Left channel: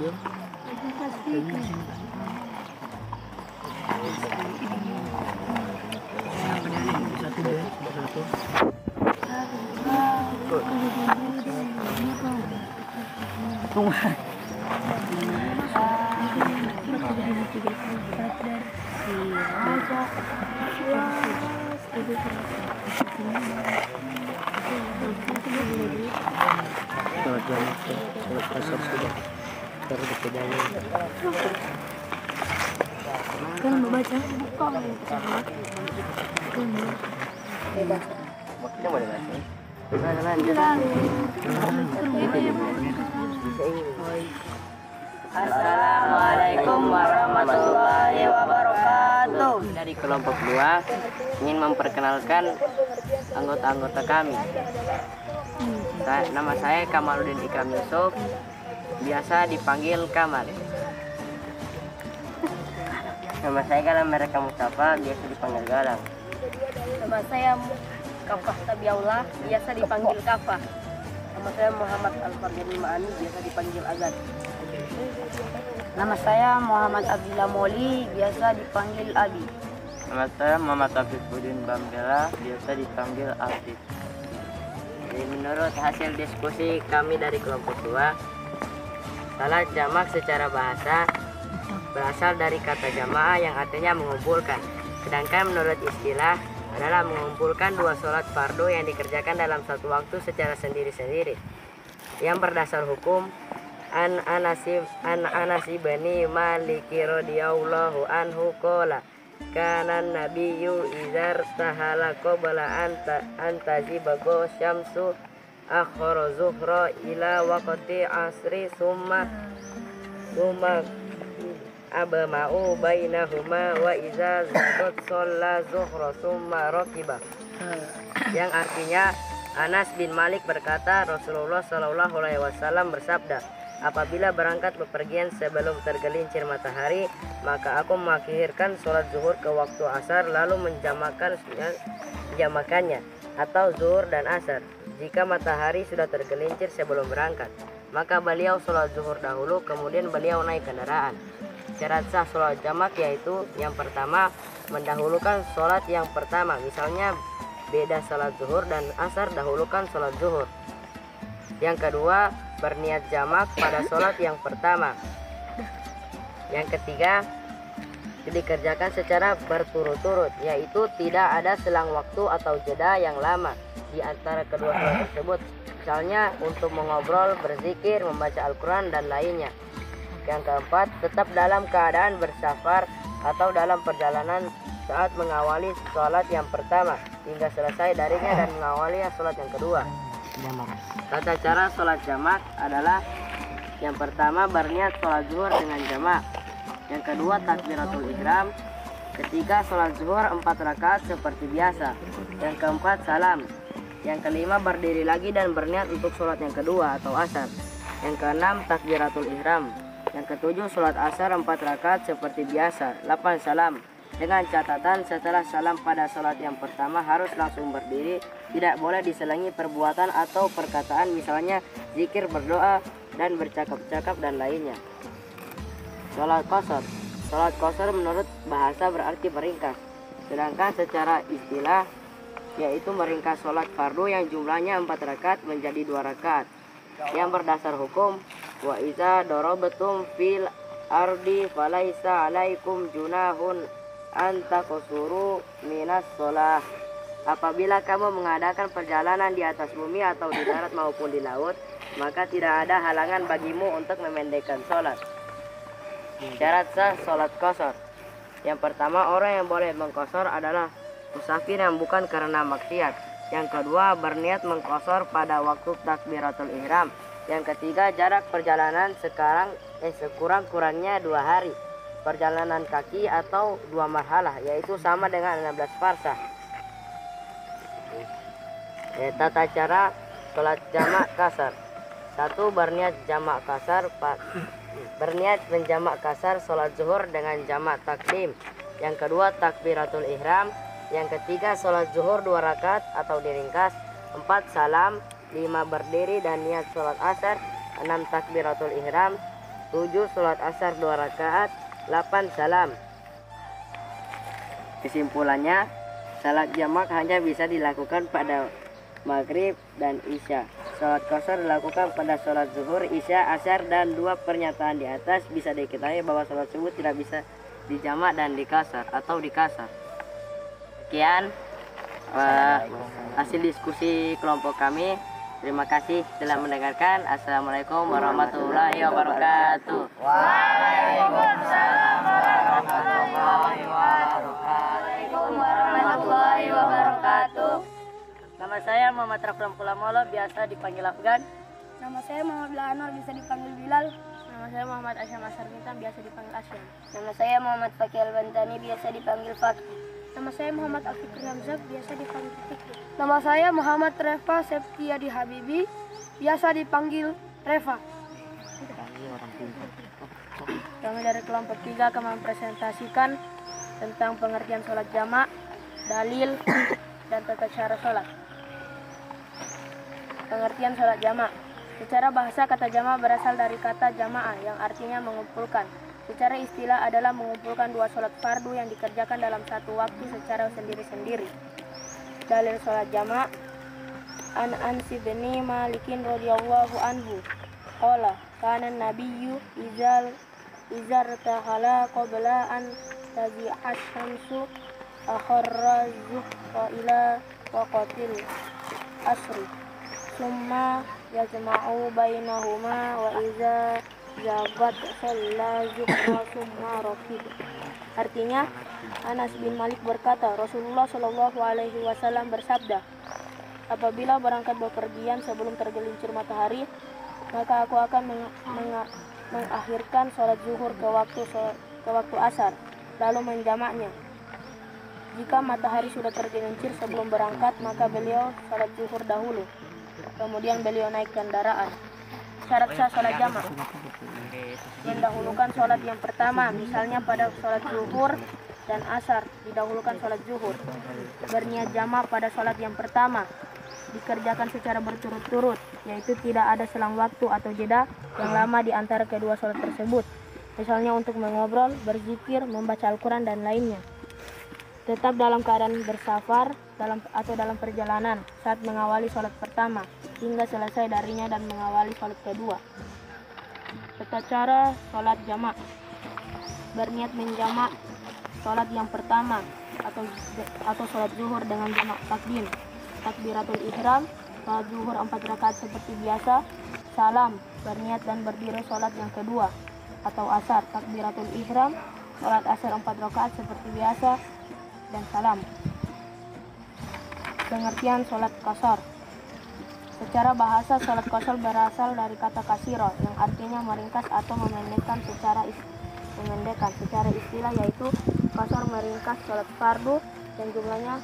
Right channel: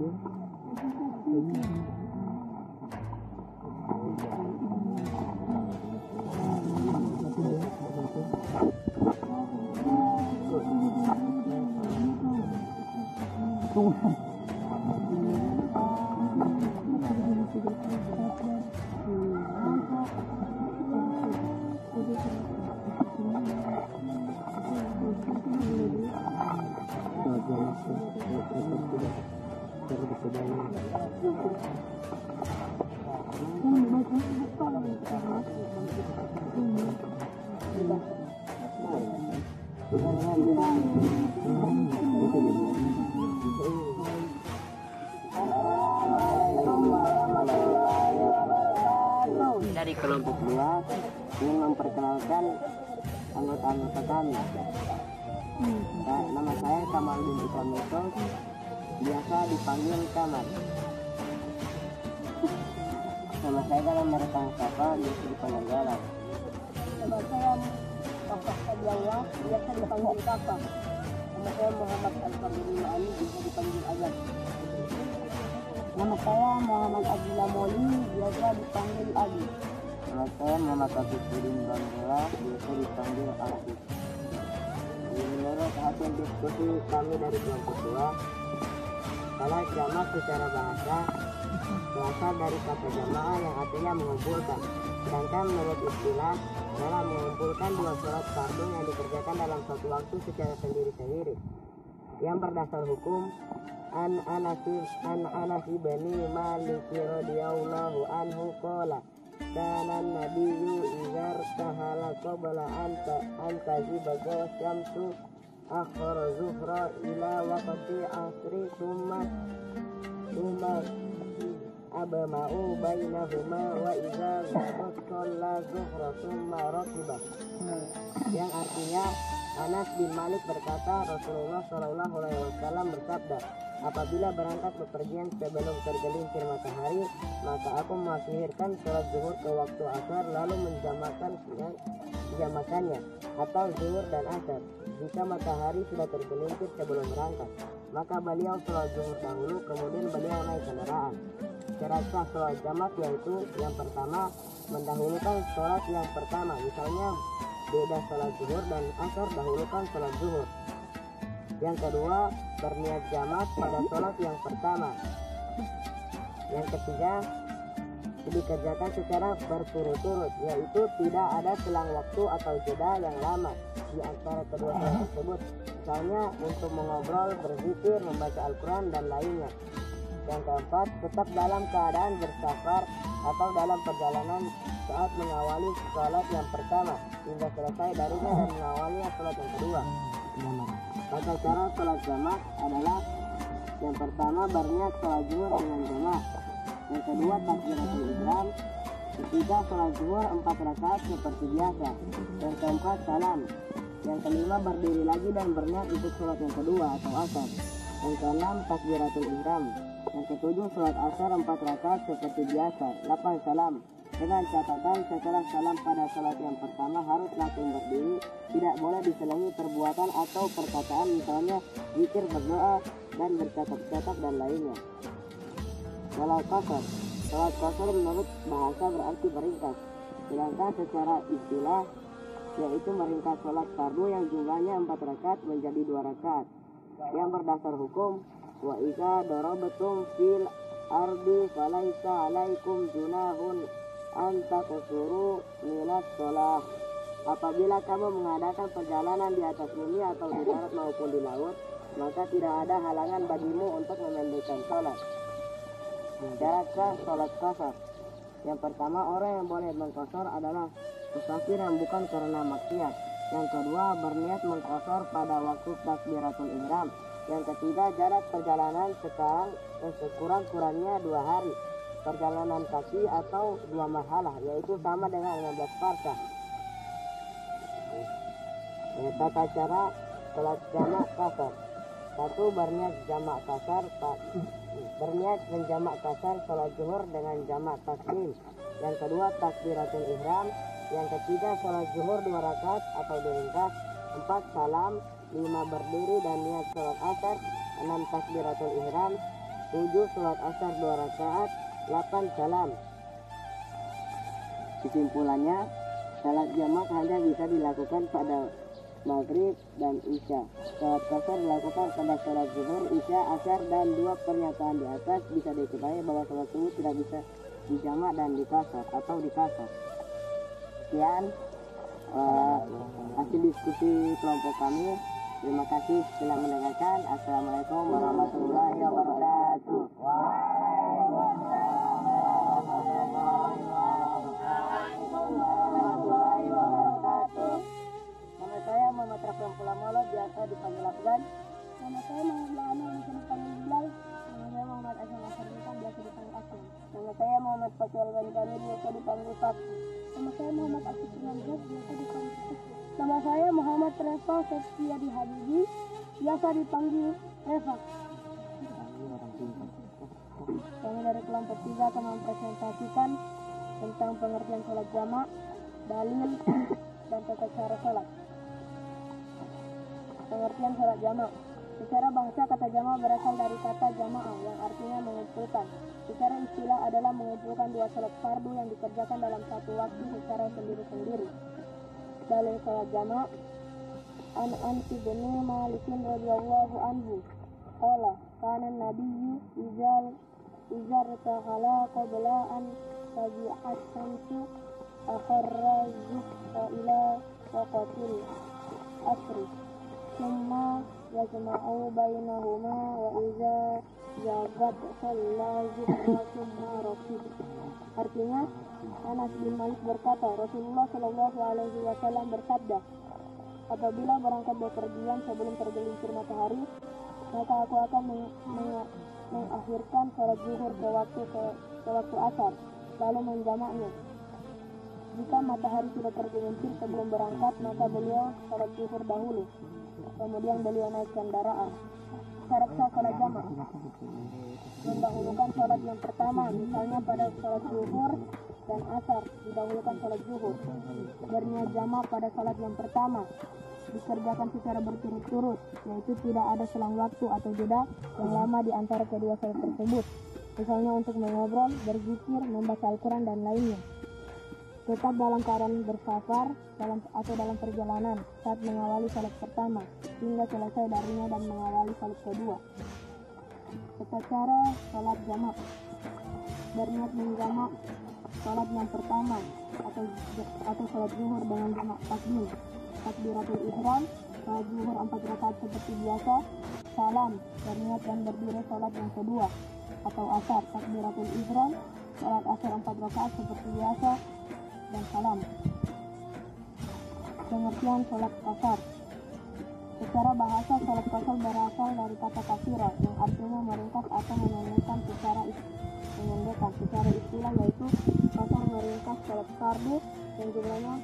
Kan membaca Assalamualaikum warahmatullahi wabarakatuh. Dari kelompok 2 ingin memperkenalkan anggota-anggota kami. Nama saya Kamaluddin Ikam Yusuf, biasa dipanggil Kamal. Nama saya Galam Mereka Mustafa, biasa dipanggil Galam. Nama saya Kafah Tabiaullah, biasa dipanggil Kafah. Nama saya Muhammad Al-Fardini Ma'ani, biasa dipanggil Azad. Nama saya Muhammad Abdillah Moli, biasa dipanggil Abi. Nama saya Muhammad Afifuddin Banggala, biasa dipanggil Afif. Jadi menurut hasil diskusi kami dari kelompok 2, salat jamak secara bahasa berasal dari kata jamaah yang artinya mengumpulkan. Sedangkan menurut istilah adalah mengumpulkan dua sholat fardu yang dikerjakan dalam satu waktu secara sendiri-sendiri. Yang berdasar hukum an Anasi bani Maliki radhiyallahu anhu qala kana nabiyyu izar tahala qabla antazibago syamsu akhara zuhra ila waqti asri summa abama'u bainahuma wa iza qad shalla zuhra summa rakiba. Yang artinya Anas bin Malik berkata, Rasulullah Shallallahu Alaihi Wasallam bersabda, apabila berangkat bepergian sebelum tergelincir matahari, maka aku mengakhirkan sholat zuhur ke waktu asar lalu menjamakannya atau zuhur dan asar. Jika matahari sudah tergelincir sebelum berangkat, maka beliau sholat zuhur dahulu, kemudian beliau naik kendaraan. Syarat sah sholat jamak yaitu yang pertama mendahulukan sholat yang pertama, misalnya beda sholat zuhur dan asar, dahulukan sholat zuhur. Yang kedua berniat jamak pada sholat yang pertama. Yang ketiga dikerjakan secara berturut-turut, yaitu tidak ada selang waktu atau jeda yang lama di antara kedua sholat tersebut, misalnya untuk mengobrol, berzikir, membaca Al-Quran dan lainnya. Yang keempat, tetap dalam keadaan bersafar atau dalam perjalanan saat mengawali sholat yang pertama hingga selesai darinya dan mengawali sholat yang kedua. Tata cara sholat jamak adalah yang pertama berniat sholat zuhur dengan jamak. Yang kedua takbiratul ihram. Ketiga sholat zuhur 4 rakaat seperti biasa. Yang keempat salam. Yang kelima berdiri lagi dan berniat untuk sholat yang kedua atau asar. Yang keenam takbiratul ihram. Yang ketujuh sholat asar 4 rakaat seperti biasa. 8 salam. Dengan catatan setelah salam pada sholat yang pertama harus langsung berdiri, tidak boleh diselingi perbuatan atau perkataan, misalnya zikir, berdoa, dan bercakap-cakap dan lainnya. Sholat qasar. Sholat qasar menurut bahasa berarti meringkas, sedangkan secara istilah yaitu meringkas sholat fardu yang jumlahnya 4 rakaat menjadi 2 rakaat. Yang berdasar hukum, wa iza darabatum fil ardi falaisa alaikum junahun antaqsuru minas sholah. Apabila kamu mengadakan perjalanan di atas bumi atau di darat maupun di laut, maka tidak ada halangan bagimu untuk memendekkan sholat. Syarat sah sholat qasar. Yang pertama, orang yang boleh mengqasar adalah musafir yang bukan karena maksiat. Yang kedua, berniat mengqasar pada waktu takbiratul ihram. Yang ketiga, jarak perjalanan sekurang-kurangnya 2 hari perjalanan kaki atau 2 marhalah, yaitu sama dengan 16 farsah. Tata cara sholat jamak kasar. 1. Berniat jamak kasar. Berniat menjamak kasar sholat zuhur dengan jamak takdim. Yang kedua takbiratul ihram. Yang ketiga sholat zuhur 2 rakaat atau diringkas. 4 salam. 5 berdiri dan niat sholat asar. 6 takbiratul ihram. 7 sholat asar 2 rakaat, 8 salam. Kesimpulannya, salat jamak hanya bisa dilakukan pada maghrib dan isya. Sholat qasar dilakukan pada sholat zuhur, isya, asar, dan 2 pernyataan di atas bisa diketahui bahwa sholat tersebut tidak bisa dijamak dan dikasar atau dikasar. Sekian hasil diskusi kelompok kami. Terima kasih telah mendengarkan. Assalamualaikum warahmatullahi wabarakatuh. Waalaikumsalam warahmatullahi wabarakatuh. Nama saya Muhammad Raflam Kulamolo, biasa dipanggil Afgan. Nama saya Muhammad Anwar, bisa dipanggil Bilal. Nama saya Muhammad Asyam Asarmutan, biasa dipanggil Asyam. Nama saya Muhammad Fakih Al-Bantani, biasa dipanggil Fakih. Nama saya Muhammad Al-Fikri Hamzah, biasa dipanggil Fikri. Nama saya Muhammad Reva Septiadi Habibi, biasa dipanggil Reva. Kami dari kelompok 3 akan mempresentasikan tentang pengertian sholat jamak, dalil, dan tata cara sholat. Pengertian sholat jamak. Secara bahasa, kata jamak berasal dari kata jamaah yang artinya mengumpulkan. Secara istilah adalah mengumpulkan 2 sholat fardu yang dikerjakan dalam satu waktu secara sendiri-sendiri. Dalil sholat jamak. An Ansi bin Malikin radhiyallahu anhu qala kana nabiyyu izar tahala qabla an tabi'at syamsu akharra zuhra ila waqatil asri summa yajma'u bainahuma wa iza jabat shalla zuhra summa rakib. Artinya, Anas bin Malik berkata, Rasulullah Shallallahu Alaihi Wasallam bersabda, apabila berangkat bepergian sebelum tergelincir matahari, maka aku akan mengakhirkan sholat zuhur ke waktu asar, lalu menjamaknya. Jika matahari sudah tergelincir sebelum berangkat, maka beliau sholat zuhur dahulu, kemudian beliau naik kendaraan. Syarat sah sholat jamak: mendahulukan sholat yang pertama, misalnya pada sholat zuhur dan asar didahulukan sholat zuhur. Berniat jamak pada sholat yang pertama, dikerjakan secara berturut-turut, yaitu tidak ada selang waktu atau jeda yang lama di antara kedua sholat tersebut, misalnya untuk mengobrol, berzikir, membaca Al-Quran, dan lainnya. Tetap dalam keadaan bersafar atau dalam perjalanan saat mengawali sholat pertama hingga selesai darinya dan mengawali sholat kedua. Tata cara sholat jamak: berniat menjamak sholat yang pertama atau sholat zuhur dengan jamak takdim, takbiratul ihram, sholat zuhur 4 rakaat seperti biasa, salam, berniat dan berdiri sholat yang kedua atau asar, takbiratul ihram, sholat asar 4 rakaat seperti biasa, dan salam. Pengertian sholat qasar. Secara bahasa, sholat qasar berasal dari kata kasiro yang artinya meringkas atau memendekkan secara istilah, yaitu qasar meringkas sholat fardu yang jumlahnya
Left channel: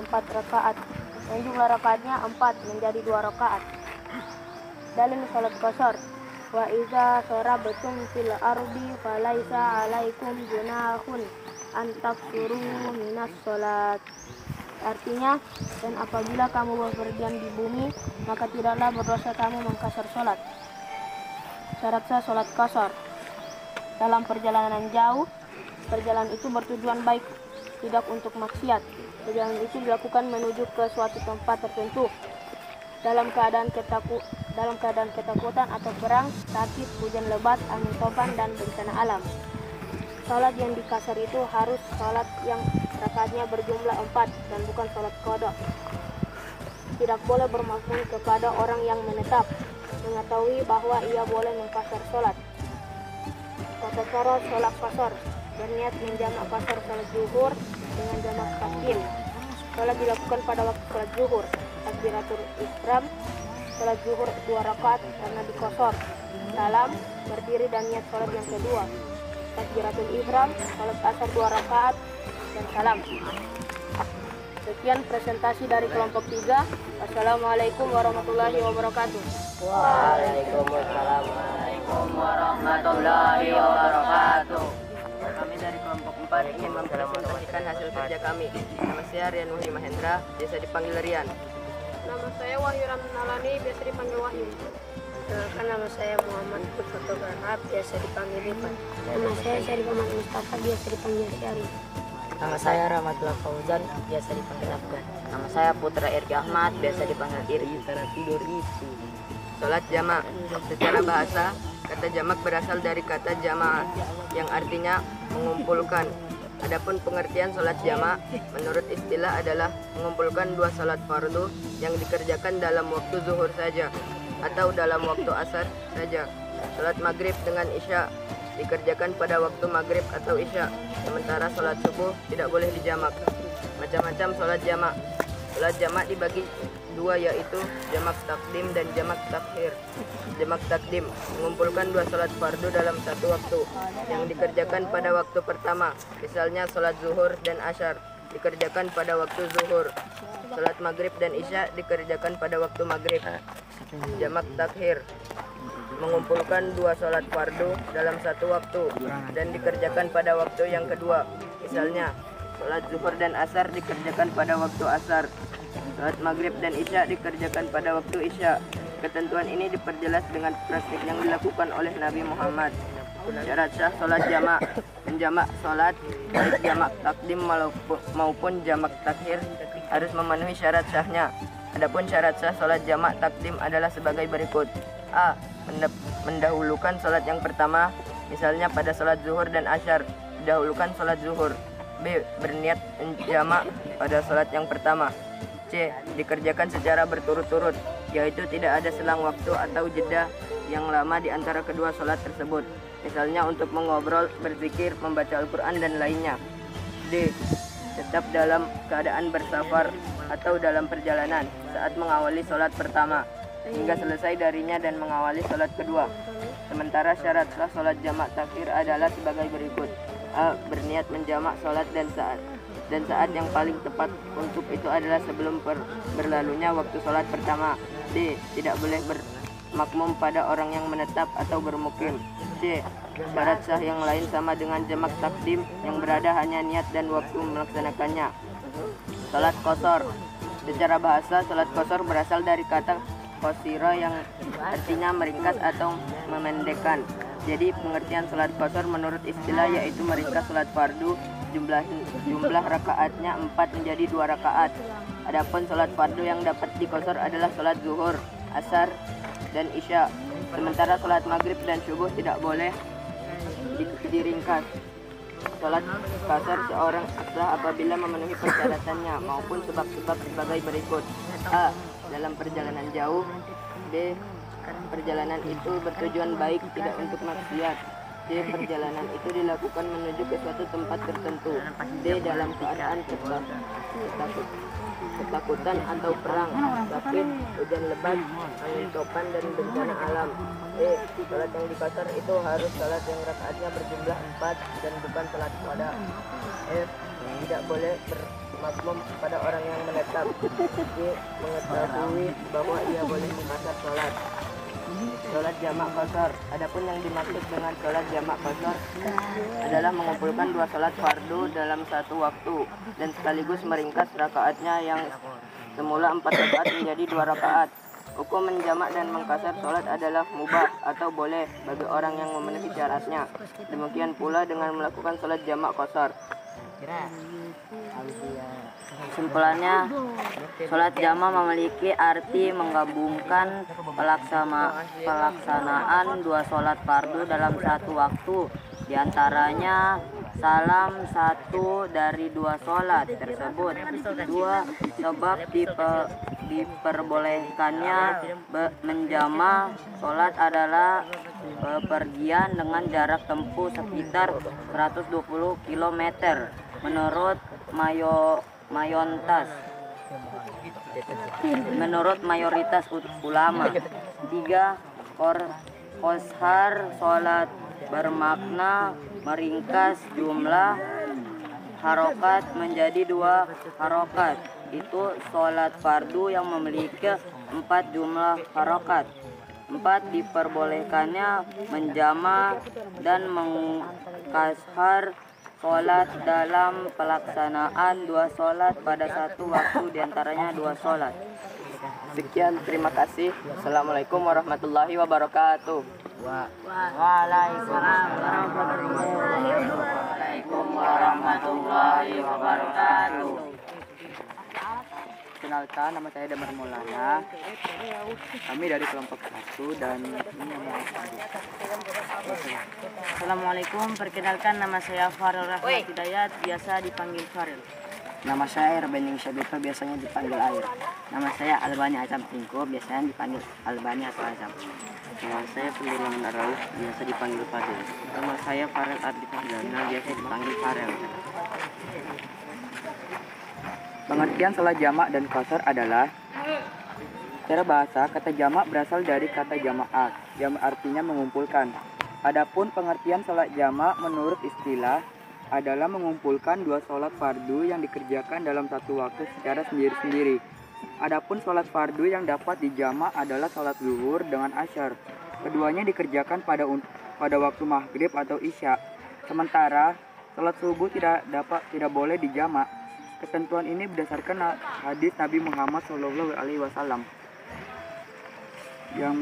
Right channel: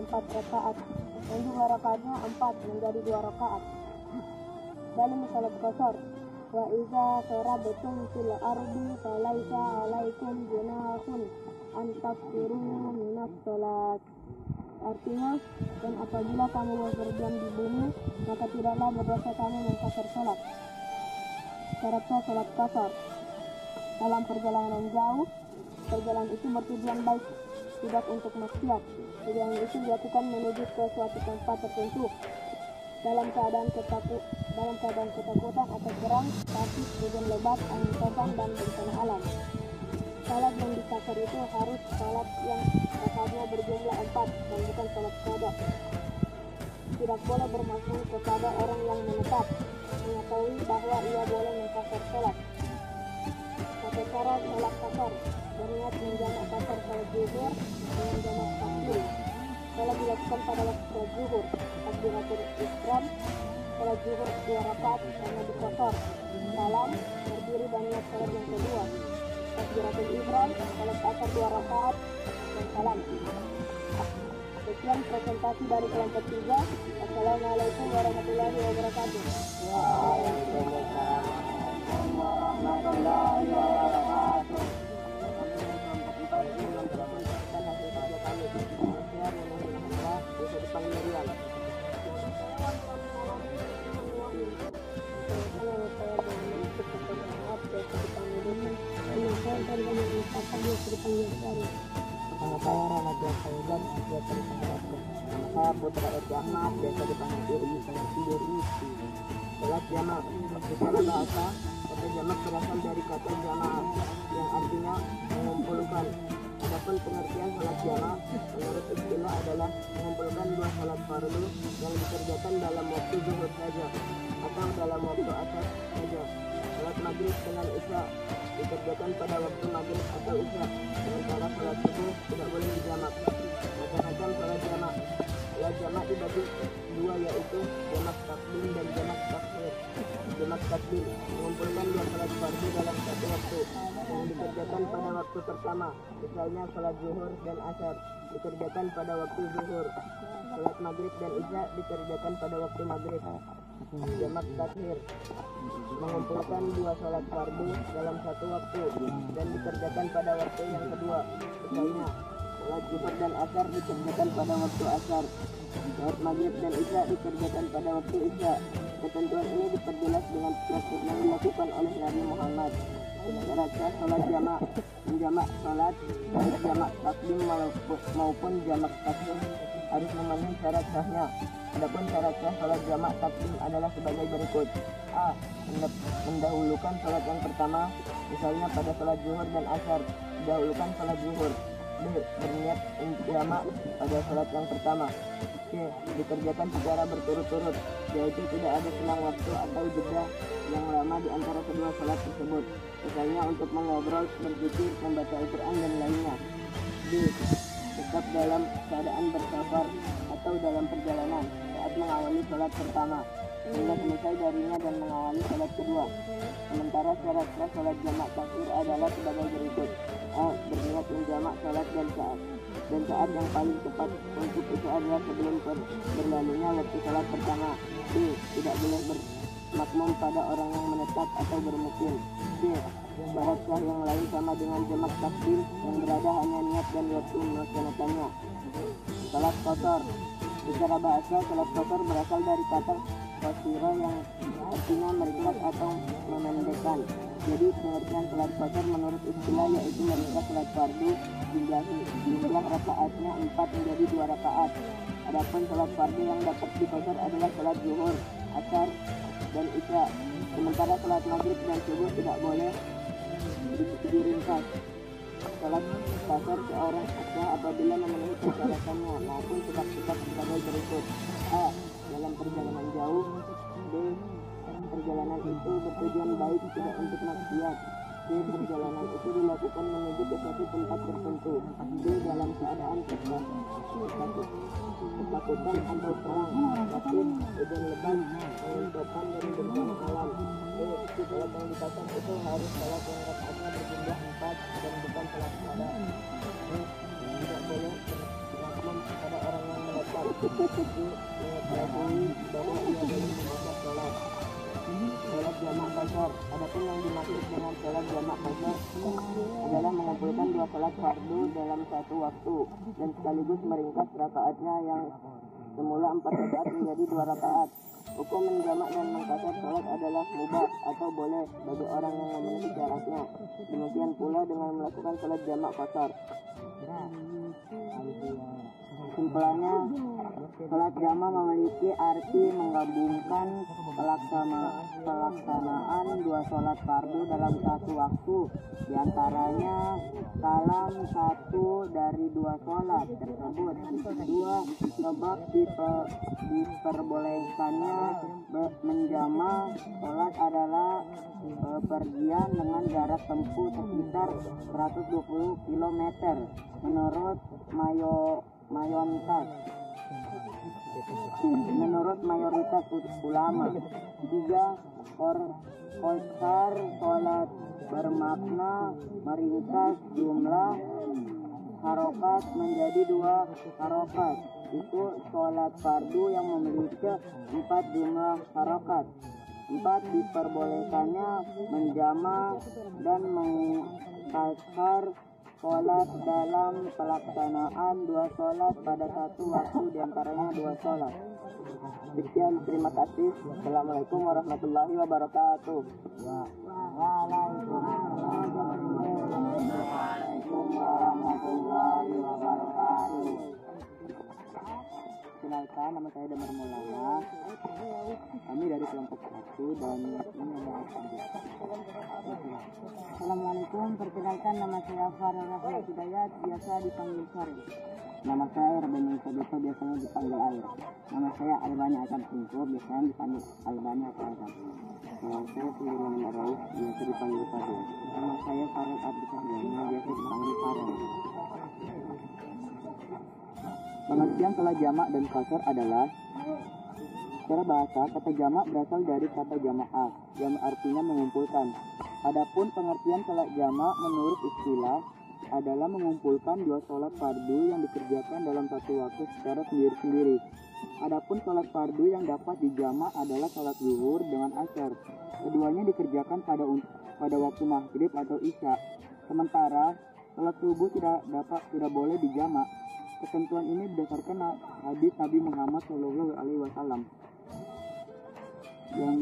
4 rakaat, yang jumlah rakaatnya 4 menjadi 2 rakaat. Dalil sholat qasar: wa iza sarabtum fil ardi falaisa alaikum junahun an taqsuru minas sholat. Artinya, dan apabila kamu bepergian di bumi, maka tidaklah berdosa kamu mengkasar sholat. Syarat sah sholat qasar: dalam perjalanan jauh, perjalanan itu bertujuan baik, tidak untuk maksiat. Perjalanan itu dilakukan menuju ke suatu tempat tertentu dalam keadaan ketakutan atau perang, sakit, hujan lebat, angin topan, dan bencana alam. Sholat yang dikasar itu harus sholat yang rakaatnya berjumlah 4 dan bukan sholat qada. Tidak boleh bermaksud kepada orang yang menetap mengetahui bahwa ia boleh mengkasar sholat. Tata cara sholat qasar: berniat menjamak qasar sholat zuhur dengan jamak takdim. Sholat dilakukan pada waktu sholat zuhur, takbiratul ihram, sholat zuhur 2 rakaat karena dikosor, salam, berdiri dan niat sholat yang kedua, takbiratul ihram, sholat asar 2 rakaat, dan salam. Sekian presentasi dari kelompok 3. Assalamualaikum warahmatullahi wabarakatuh. Waalaikumsalam warahmatullahi wabarakatuh. Kami dari kelompok 4 ingin mempresentasikan hasil kerja kami. Nama saya Rian Wahyu Mahendra, biasa dipanggil Rian. Nama saya Wahyu Ramlan Alami, biasa dipanggil Wahyu. Nama saya Muhammad Putu Togar dipanggil Syarif. Nama saya Rahmatullah Fauzan, biasa dipanggil Afgan. Nama saya Putra Irgi Ahmad, biasa dipanggil Irgi. Sholat jamak. Secara bahasa, kata jamak berasal dari kata jama' yang artinya mengumpulkan. Adapun pengertian sholat jamak menurut istilah adalah mengumpulkan dua sholat fardu yang dikerjakan dalam waktu zuhur saja atau dalam waktu asar saja. Sholat maghrib dengan isya dikerjakan pada waktu maghrib atau isya, sementara sholat subuh tidak boleh dijamak. Macam-macam sholat jamak. Sholat jamak dibagi dua, yaitu jamak takdim dan jamak takhir. Jamak takdim mengumpulkan dua sholat fardu dalam satu waktu yang dikerjakan pada waktu pertama, misalnya sholat zuhur dan asyar dikerjakan pada waktu zuhur. Sholat maghrib dan isya dikerjakan pada waktu maghrib. Jamak takhir mengumpulkan dua sholat fardu dalam satu waktu dan dikerjakan pada waktu yang kedua, misalnya sholat zuhur dan asar dikerjakan pada waktu asar. Sholat maghrib dan isya dikerjakan pada waktu isya. Ketentuan ini diperjelas dengan praktik yang dilakukan oleh Nabi Muhammad. Syarat sah sholat jamak. Menjamak sholat baik jamak takdim maupun jamak takhir harus memenuhi syarat sahnya. Adapun syarat sah sholat jamak takdim adalah sebagai berikut. A. Mendahulukan sholat yang pertama, misalnya pada sholat zuhur dan asyar didahulukan sholat zuhur. B. Berniat menjamak pada sholat yang pertama. C. Dikerjakan secara berturut-turut, yaitu tidak ada selang waktu atau jeda yang lama di antara kedua sholat tersebut, misalnya untuk mengobrol, berzikir, membaca Al-Quran, dan lainnya. D. Tetap dalam keadaan bersafar atau dalam perjalanan saat mengawali sholat pertama hingga selesai darinya dan mengawali sholat kedua. Sementara syarat sah sholat jamak takhir adalah sebagai berikut. A. Berniat menjamak sholat dan saat yang paling tepat untuk itu adalah sebelum berlalunya waktu sholat pertama. D. Tidak boleh bermakmum pada orang yang menetap atau bermukim. C. Syarat sah yang lain sama dengan jamak takdim, yang berada hanya niat dan waktu melaksanakannya. Sholat qashar. Secara bahasa, sholat qashar berasal dari kata qasira yang artinya meringkas atau memendekkan. Jadi pengertian sholat qashar menurut istilah yaitu meringkas sholat fardu, jumlah rakaatnya 4 menjadi 2 rakaat. Adapun sholat fardu yang dapat diqashar adalah sholat zuhur, asar, dan isya. Sementara sholat maghrib dan subuh tidak boleh diringkas. Sholat qashar seorang sah apabila memenuhi persyaratannya maupun sebab-sebab sebagai berikut. A. Dalam perjalanan jauh. B. Perjalanan itu bertujuan baik, tidak untuk maksiat. C. Perjalanan itu dilakukan menuju ke suatu tempat tertentu. D. Dalam keadaan ketakutan atau perang, sakit, hujan lebat, angin topan, dan bencana alam. E. Sholat yang diqashar itu harus sholat yang rakaatnya berjumlah 4 dan bukan sholat qada. F. Tidak boleh bermakmum pada orang yang menetap. G. Mengetahui bahwa ia boleh memaksa sholat. Sholat jamak qashar. Adapun yang dimaksud dengan sholat jamak qashar adalah mengumpulkan dua sholat fardu dalam satu waktu dan sekaligus meringkas rakaatnya yang semula 4 rakaat menjadi 2 rakaat. Hukum menjamak dan mengqashar sholat adalah mubah atau boleh bagi orang yang memenuhi syaratnya. Demikian pula dengan melakukan sholat jamak qashar. Kesimpulannya, sholat jamak memiliki arti menggabungkan pelaksanaan dua sholat fardu dalam satu waktu, diantaranya salam satu dari dua sholat tersebut. Dua, sebab diperbolehkannya menjamak sholat adalah bepergian dengan jarak tempuh sekitar 120 km menurut mayoritas ulama. 3. Qashar sholat bermakna meringkas jumlah harokat menjadi 2 harokat. Itu sholat fardu yang memiliki 4 jumlah harokat. 4. Diperbolehkannya menjamak dan mengqashar sholat dalam pelaksanaan 2 sholat pada satu waktu, diantaranya 2 sholat. Sekian, terima kasih. Assalamualaikum warahmatullahi wabarakatuh. Waalaikumsalam warahmatullahi wabarakatuh. Kenalkan, nama saya Damar Maulana. Kami dari kelompok 1 dan ini yang Assalamualaikum, perkenalkan nama saya Farel Rahmat Hidayat, biasa dipanggil Farel. Nama saya Erbening Syabito, biasanya dipanggil Air. Nama saya Albani Azam Tingko, biasanya dipanggil Albani atau Azam. Nama saya Pendulang Arauf, biasa dipanggil Fadil. Nama saya Farel Ardi Fahdana, biasa dipanggil Farel. Pengertian salat jamak dan qasar adalah: secara bahasa, kata jamak berasal dari kata jama'at yang artinya mengumpulkan. Adapun pengertian salat jamak menurut istilah adalah mengumpulkan dua sholat fardu yang dikerjakan dalam satu waktu secara sendiri-sendiri. Adapun sholat fardu yang dapat dijamak adalah sholat zuhur dengan asyar. Keduanya dikerjakan pada waktu maghrib atau isya. Sementara sholat subuh tidak boleh dijamak. Ketentuan ini berdasarkan hadis Nabi Muhammad SAW yang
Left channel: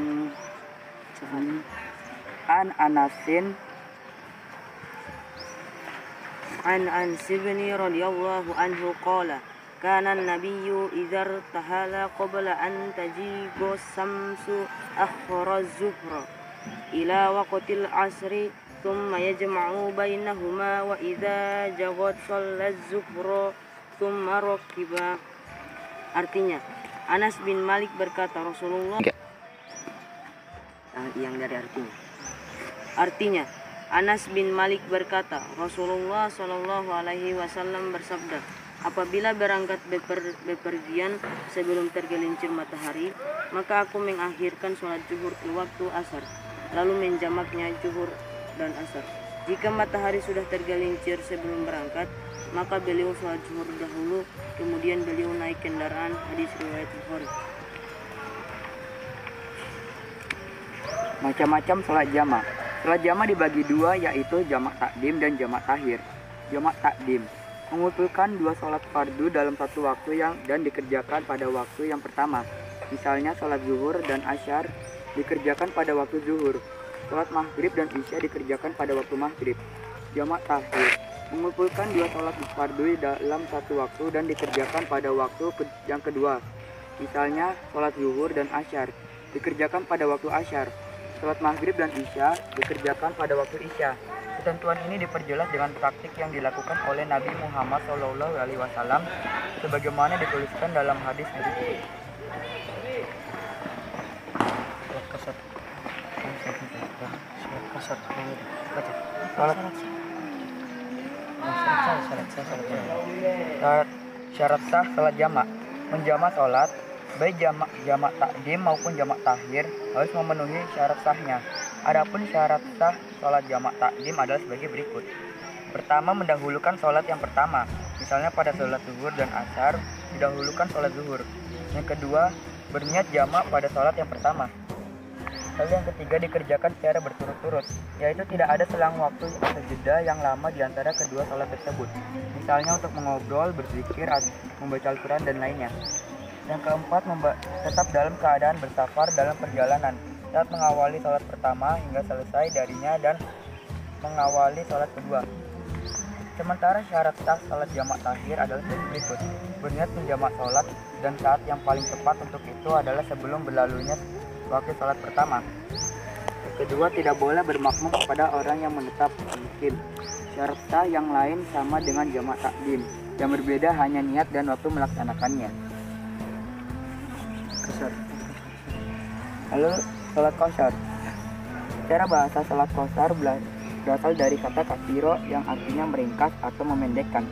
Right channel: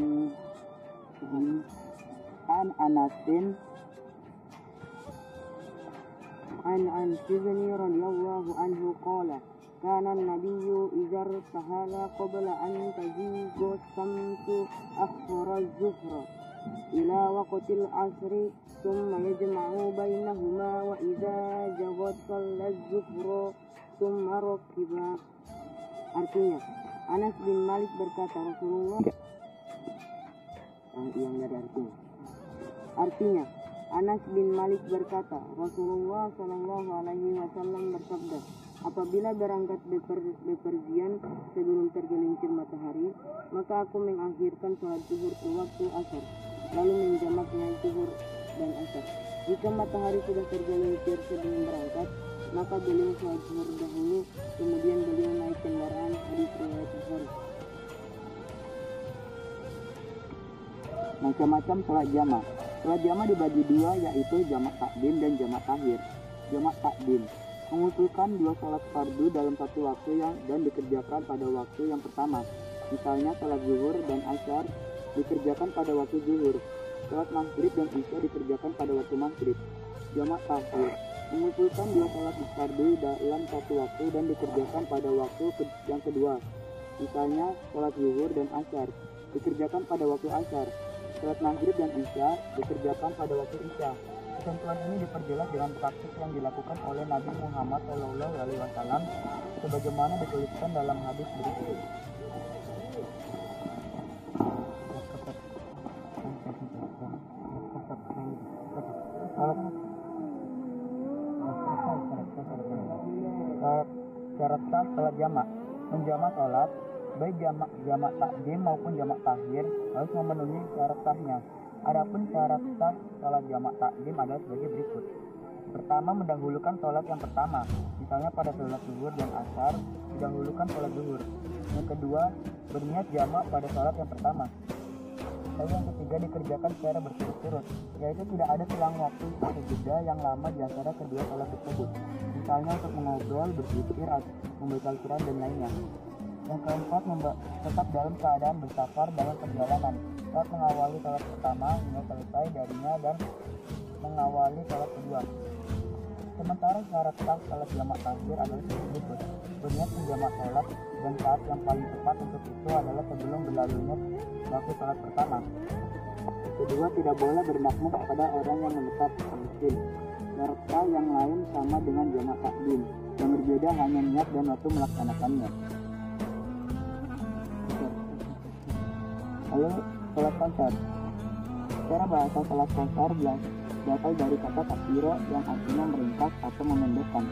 عن أنس بن رضي الله عنه قال كان النبي إذا ارتحل قبل أن تزيغ الشمس أخر الظهر إلى وقت العصر ثم يجمع بينهما وإذا جاءت صلى الظهر ثم ركب. Artinya, Anas bin Malik berkata Rasulullah Yang dari Artinya, Anas bin Malik berkata, Rasulullah Shallallahu Alaihi Wasallam bersabda, apabila berangkat bepergian sebelum tergelincir matahari, maka aku mengakhirkan sholat zuhur ke waktu asar, lalu menjamaknya zuhur dan asar. Jika matahari sudah tergelincir sebelum berangkat, maka beliau sholat zuhur dahulu, kemudian beliau naik kendaraan. Hadis riwayat Bukhari. macam-macam sholat jamak. Sholat jamak dibagi dua, yaitu jamak takdim dan jamak takhir. Jamak takdim mengumpulkan dua sholat fardu dalam satu waktu dan dikerjakan pada waktu yang pertama. Misalnya sholat zuhur dan asyar dikerjakan pada waktu zuhur. Sholat maghrib dan isya dikerjakan pada waktu maghrib. Jamak takhir mengumpulkan dua sholat fardu dalam satu waktu dan dikerjakan pada waktu yang kedua. Misalnya sholat zuhur dan asyar dikerjakan pada waktu asyar. Sholat maghrib dan isya dikerjakan pada waktu isya. Ketentuan ini diperjelas dengan praktik yang dilakukan oleh Nabi Muhammad SAW sebagaimana dituliskan dalam hadis berikut. Syarat sah salat jamak. Menjamak salat, baik jamak takdim maupun jamak takhir, harus memenuhi syarat sahnya. Adapun syarat sah salat jamak takdim adalah sebagai berikut. Pertama, mendahulukan salat yang pertama. Misalnya pada salat zuhur dan asar, didahulukan salat zuhur. Yang kedua, berniat jamak pada salat yang pertama. Lalu yang ketiga, dikerjakan secara berturut-turut, yaitu tidak ada selang waktu atau jeda yang lama di antara kedua salat tersebut. Misalnya untuk mengobrol, berzikir, membaca Al-Quran, dan lainnya. Yang keempat, tetap dalam keadaan bersafar dalam perjalanan saat mengawali salat pertama hingga selesai darinya dan mengawali salat kedua. Sementara syarat sah salat jamak takhir adalah sebagai berikut. Berniat menjamak salat dan saat yang paling tepat untuk itu adalah sebelum berlalunya waktu salat pertama. Kedua, tidak boleh bermakmum kepada orang yang menetap mungkin. Syarat sah yang lain sama dengan jamak takdim. Yang berbeda hanya niat dan waktu melaksanakannya. Lalu salat qasar. Secara bahasa salat qasar berasal dari kata kasiro yang artinya meringkas atau memendekkan.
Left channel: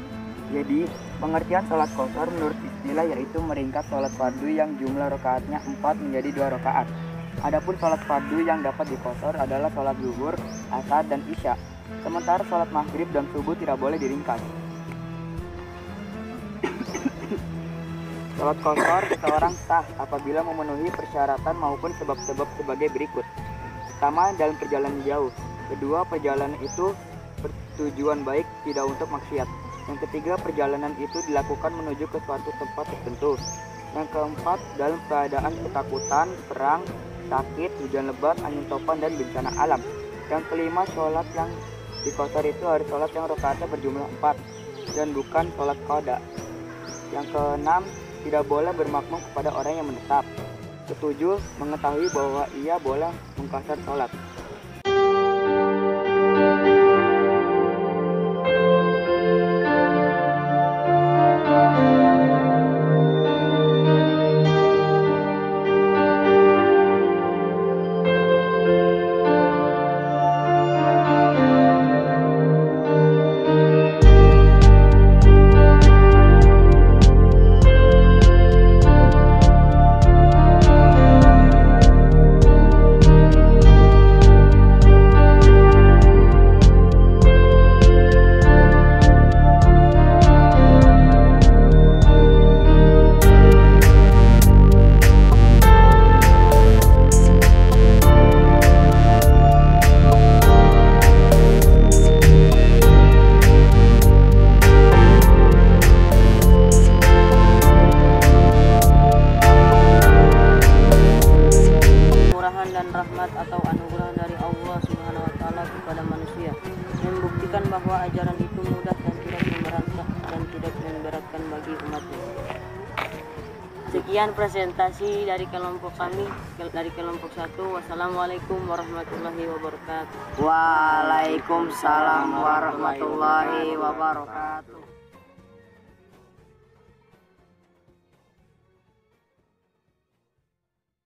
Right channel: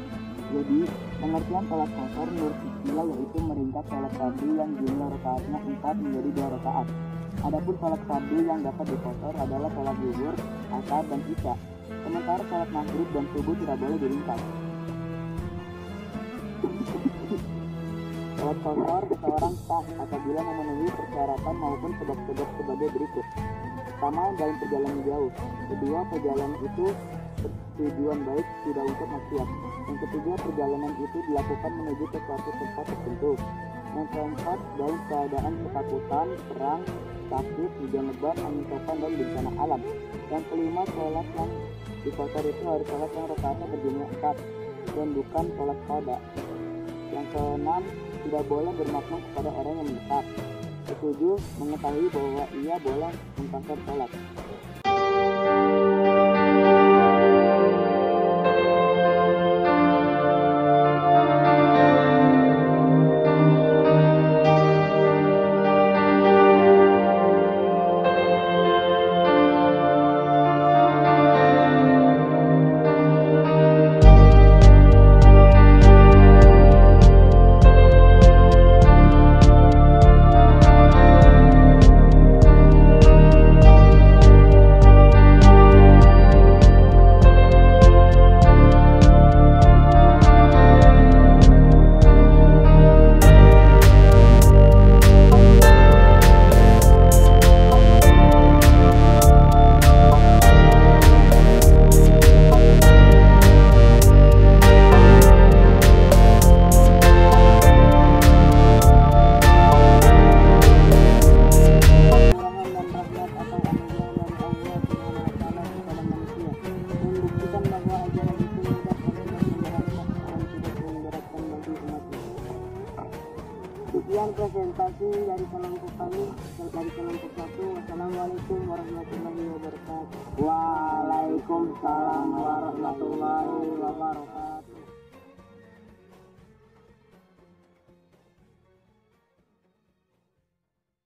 Jadi, pengertian salat qasar menurut istilah yaitu meringkas salat fardu yang jumlah rakaatnya 4 menjadi 2 rakaat. Adapun salat fardu yang dapat diqasar adalah salat zuhur, asar, dan isya. Sementara salat maghrib dan subuh tidak boleh diringkas. Salat qasar seseorang sah apabila memenuhi persyaratan maupun sebab-sebab sebagai berikut. Pertama, dalam perjalanan jauh. Kedua, perjalanan itu bertujuan baik, tidak untuk maksiat. Yang ketiga, perjalanan itu dilakukan menuju ke suatu tempat tertentu. Yang keempat, dalam keadaan ketakutan, perang, sakit, hujan lebat, angin topan, dan bencana alam. Yang kelima, sholat yang di qasar itu harus sholat yang rakaatnya berjumlah 4 dan bukan sholat qada. Yang keenam, tidak boleh bermakmum kepada orang yang menetap. Ketujuh, mengetahui bahwa ia boleh mengqasar sholat. Sekian presentasi dari kelompok kami, dari kelompok 1. Wassalamualaikum warahmatullahi wabarakatuh. Waalaikumsalam warahmatullahi wabarakatuh.